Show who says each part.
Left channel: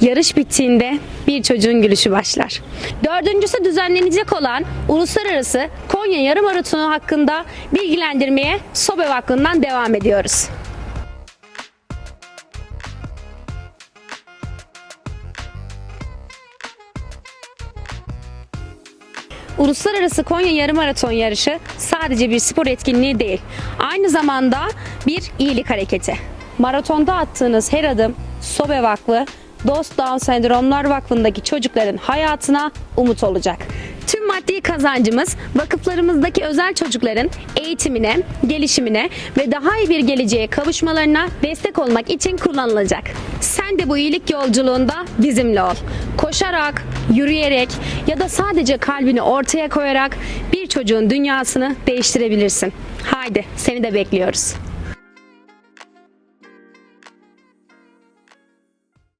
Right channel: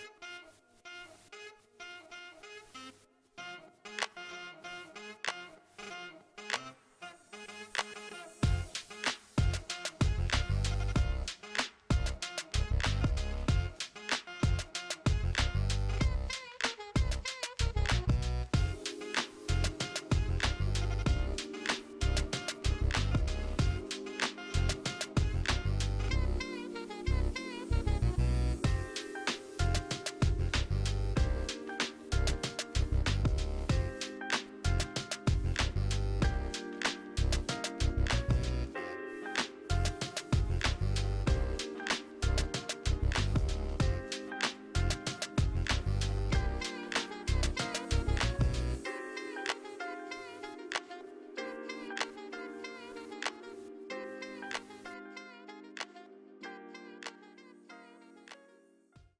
Speaker 1: Yarış bittiğinde bir çocuğun gülüşü başlar. Dördüncüsü düzenlenecek olan Uluslararası Konya Yarım Maratonu hakkında bilgilendirmeye Sobe Vakfı'ndan devam ediyoruz. Uluslararası Konya Yarım Maraton yarışı sadece bir spor etkinliği değil. Aynı zamanda bir iyilik hareketi. Maratonda attığınız her adım Sobe Vakfı, Dost Down Sendromlar Vakfı'ndaki çocukların hayatına umut olacak. Tüm maddi kazancımız vakıflarımızdaki özel çocukların eğitimine, gelişimine ve daha iyi bir geleceğe kavuşmalarına destek olmak için kullanılacak. Sen de bu iyilik yolculuğunda bizimle ol. Koşarak, yürüyerek ya da sadece kalbini ortaya koyarak bir çocuğun dünyasını değiştirebilirsin. Haydi seni de bekliyoruz.